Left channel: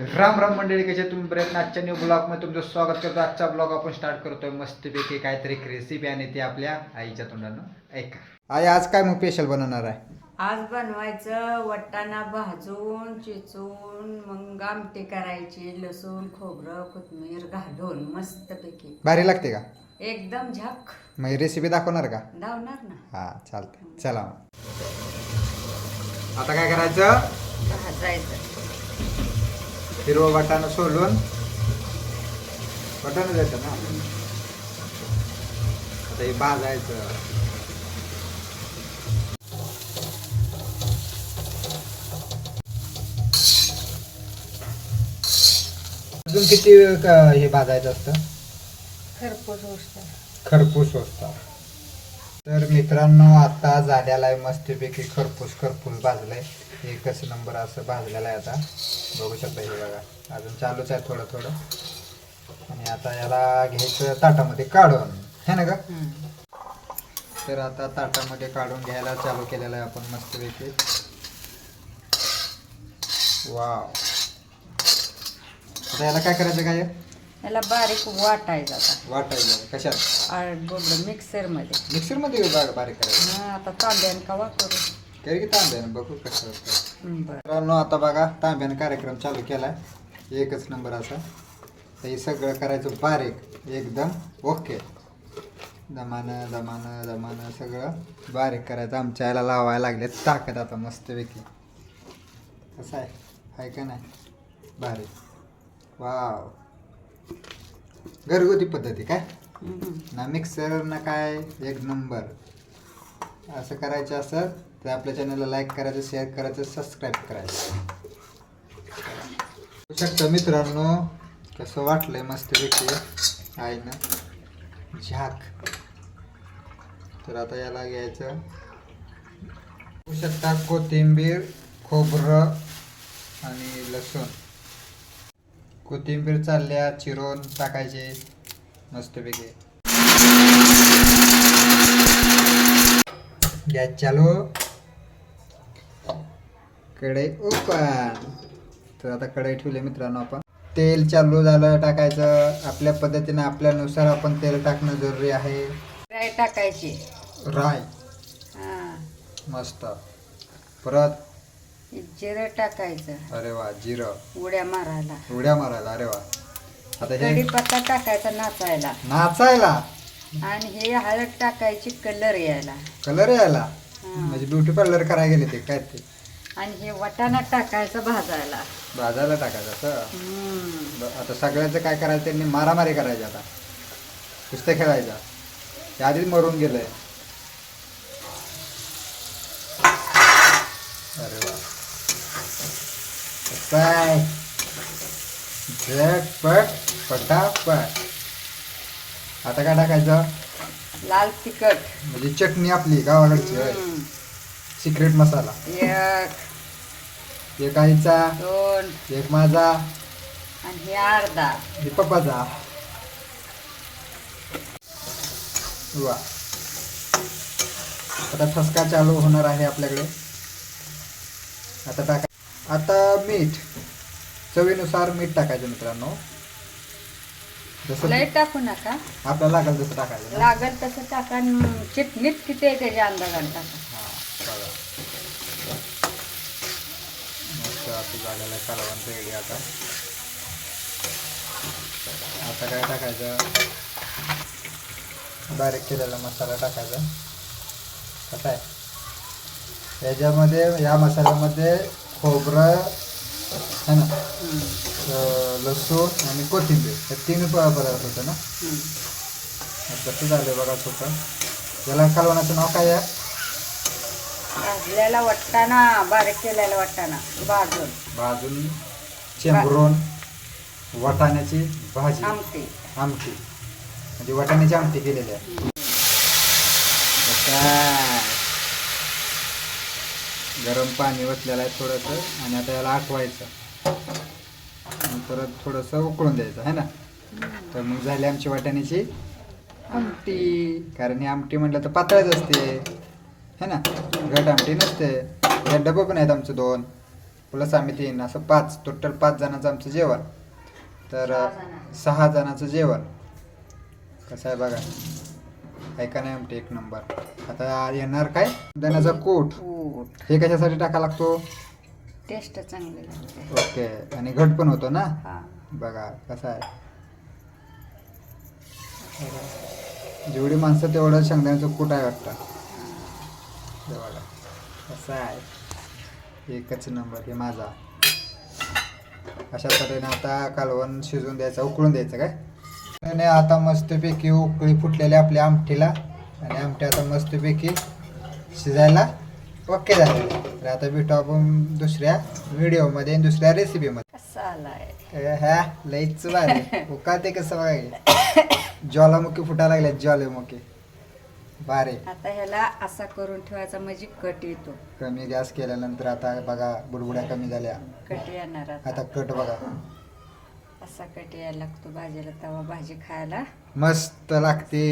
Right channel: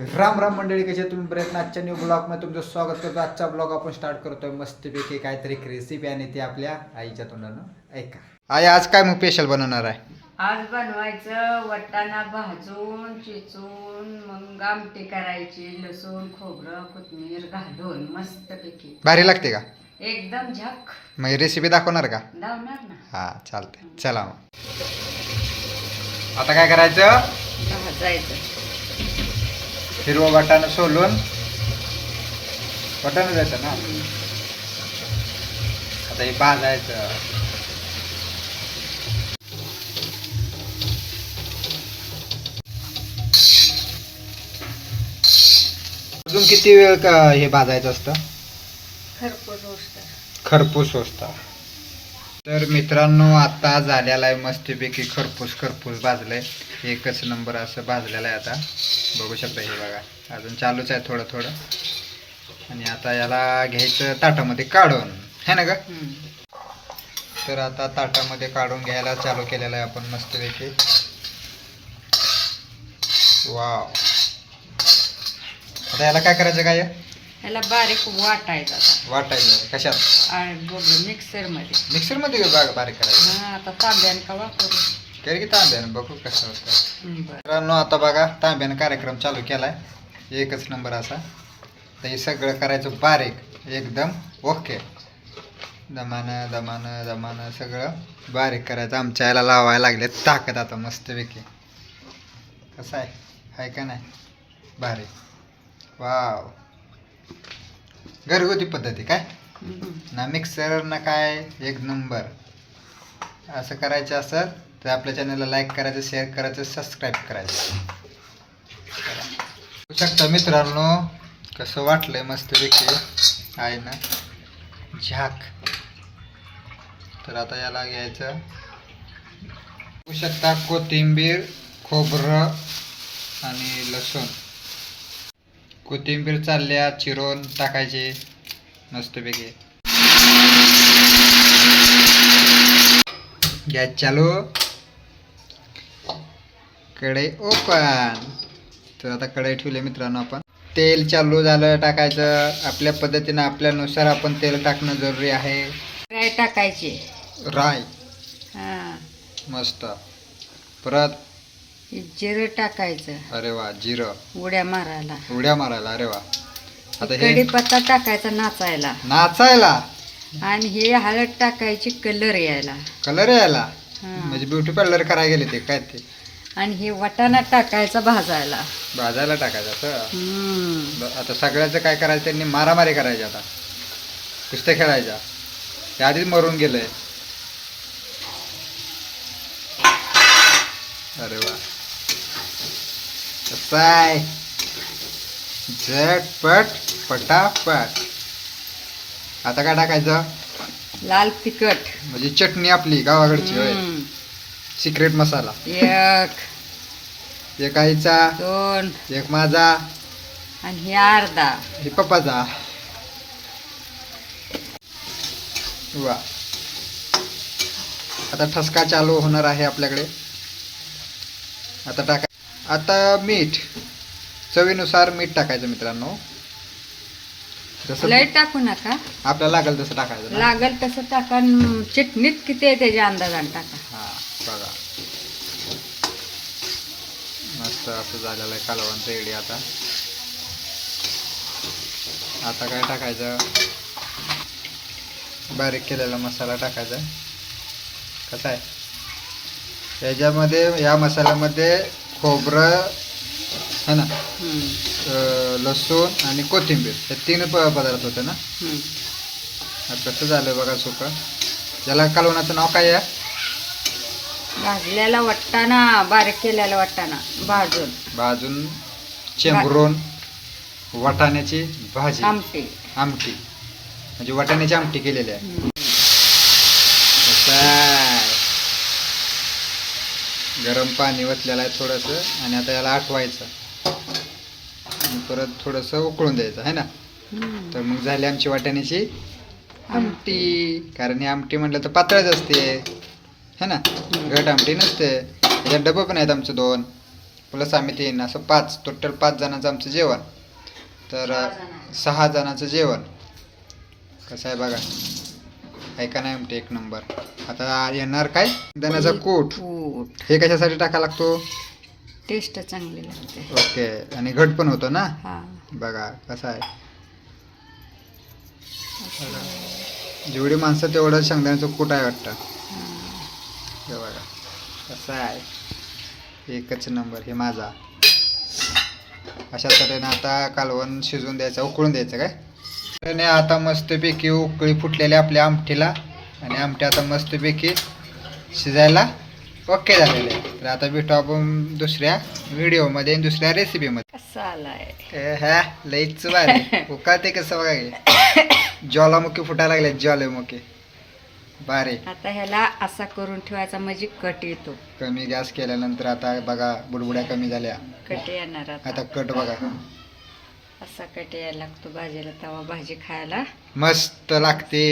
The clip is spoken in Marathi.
राम राम मंडळी, कसे तुम्ही प्रयत्न आजच्या न्यू ब्लॉगमध्ये तुमचं स्वागत करतो. आजचा ब्लॉग आपण स्टार्ट करतोय मस्तपैकी काहीतरी रेसिपी आणि ती आपल्या आईच्या तोंडानं ऐका. आई आज काय मग स्पेशल बनवणार आहे? आज बनवायचं वाटाणा भाजून चिचून मग आमटी करायची, लसूण खोबरं कोथिंबीर घालून मस्तपैकी भारी लागते का? एकदम झक. मग रेसिपी दाखवणार का? लावणार ना. हा चालतंय, चला मग. आता काय करायचं? भाजायचं. हिरवं वाटाणं सोलून वाटाणं द्यायचं ना. आता हे भाजायचं. अजून किती वेळ हे भाजायचं असतं? खरपूस होतं. खरपूस असतं. तर मित्रांनो, आता झालेला आहे मस्तपैकी खरपूस भाजलंय. एकच नंबर असं भाजलेलं आहे. आता बघू शकता, हे बघा अजून चालूच आहे थोडं थोडं. आणि आता याला घ्यायचं ताटामध्ये काढून, है ना ग? तर आता ताटामध्ये काढून घ्यायला चालू केलेलं आहे आपण मस्तपैकी. वाव. आता याला काय करायचं? काय याला बारीक वाटायचं. आता वाटायचं कशात? मिक्सरमध्ये बारीक करायचं. आता तांब्यान का वापरू करे की तांब्यानं बघू कसं होतं. बरं. मित्रांनो, आता बघा तांब्यानं कार्यक्रम चालू केलाय. एकच नंबर असा. तर हे सगळं करायचं बारीक एकदम. ओके. दमानं सगळं बारीक करायचं. आमच्या याला लावायला लागले ताकद आता मस्तपैकी. कसं आहे का नाही? भारी. वाव. घरगुती पद्धती काय ना, मिक्सर ना काय, एक नंबर. असं करायचं असं तर आपल्या चॅनलला लाईक करायचं, शेअर करायचं, सबस्क्राईब करायचं. बघू शकता मित्रांनो कसं वाटलंय मस्तपैकी आहे ना, झाक. तर आता याला घ्यायचं. बघू शकता कोथिंबीर, खोबरं आणि लसूण. कोथिंबीर चालल्या चिरून टाकायची मस्तपैकी. गॅस चालू, कढई ओपन. तर आता कढई ठेवली मित्रांनो आपण. तेल चालू झालं टाकायचं. आपल्या पद्धतीनं आपल्यानुसार आपण तेल टाकणं जरुरी आहे. राय टाकायची. राय हा. मस्त. परत जिरं टाकायचं. अरे वा, जिरं उड्या मारायला. उड्या मारायला. अरे वा. आता हे कढीपत्ता टाकायचा नाचायला. नाचायला. आणि हे हळद टाकायची कलर यायला. कलर यायला. हा. म्हणजे ब्युटी पार्लर करायला गेले ते काय ते. आणि हे वाटाणा टाकायचा भाजायला. भाजायला टाकायचं असं. आता सगळ्याचं काय करायचं, त्यांनी मारामारी करायची. आता कुस्त्या खेळायच्या. हे आधीच मरून गेलंय. अरे वा. कसं आहे, झटपट पटापट. आता काय टाकायचं? लाल तिखट. म्हणजे चटणी आपली गावाकडची होय. सिक्रेट मसाला. एक आईचा, 2 एक माझा, आणि हे अर्धा. हे पप्पाचा. वा. आता ठसका चालू होणार आहे आपल्याकडे. आता मीठ, चवीनुसार मीठ टाकायचं मित्रांनो. जसं लय टाकू नका, आपल्याला लागेल तसं टाकायचं ना. लागल तसं टाका. चटणीत किती आहे त्याच्या अंदाजाने टाका. हा बघा, मस्त असं झालेलं आहे कालवण रेडी. आता काय टाकायचं? बारीक केलेला मसाला टाकायचा. कसा आहे याच्यामध्ये, या मसाल्यामध्ये खोबरं है ना, लसूण आणि कोथिंबीर हे 3 पदार्थ होते ना. कसं झालं बघा सुकं. याला कालवणाचं नाव काय आहे? भाजलेला वाटाणा, बारीक केलेला वाटाणा भाजून चेंबरून वाटाण्याची भाजी, आमटी. म्हणजे वाटाण्याची आमटी केलेली आहे. गरम पाणी वतलेलं आहे थोडंसं. आणि आता याला आटवायचं आणि परत थोडंसं उकळून द्यायचं आहे ना. तर मग झाली आमची वाटाण्याची आमटी. कारण ही आमटी म्हटलं तर पातळच असते है ना, घट आमटी नसते. याच्यात डबं पण आहेत आमचं 2. प्लस आम्ही 3 असं 5, टोटल 5 जणांचं आमचं जेवण. तर 6 जणांचं जेवण कसं आहे बघा. ऐका नाही म्हणते एक नंबर. आता येणार काय शेंगदाण्याचा कूट. कूट हे कशासाठी टाका लागतो? टेस्ट चांगली लागते. ओके. आणि घट पण होतो ना. हा बघा कसं आहे. जेवढी माणसं तेवढं शेंगदाण्याचं कूट आहे वाटतं. हे बघा कसं आहे. एकच नंबर. हे माझा. अशा तऱ्हेने आता कालवण शिजवून द्यायचं, उकळून द्यायचं काय. आणि आता मस्तपैकी उकळी फुटलेली आपल्या आमटीला. आणि आमटी आता मस्तपैकी शिजायला ओके झालेले आहे. तर आता भेटू आपण दुसऱ्या व्हिडिओमध्ये आणि दुसऱ्या रेसिपीमध्ये. कसा आलाय ह्या लईच भारी उकाळते कसं बघा. ज्वालामुखी फुटायला लागल्या. ज्वालामुखी भारी. आता ह्याला असा करून ठेवायचा म्हणजे कट येतो. कमी गॅस केल्यानंतर आता बघा बुडबुड्या कमी झाल्या. कट येणार आता कट बघा असा कट यायला लागतो भाजीला, तेव्हा भाजी खायला मस्त लागते.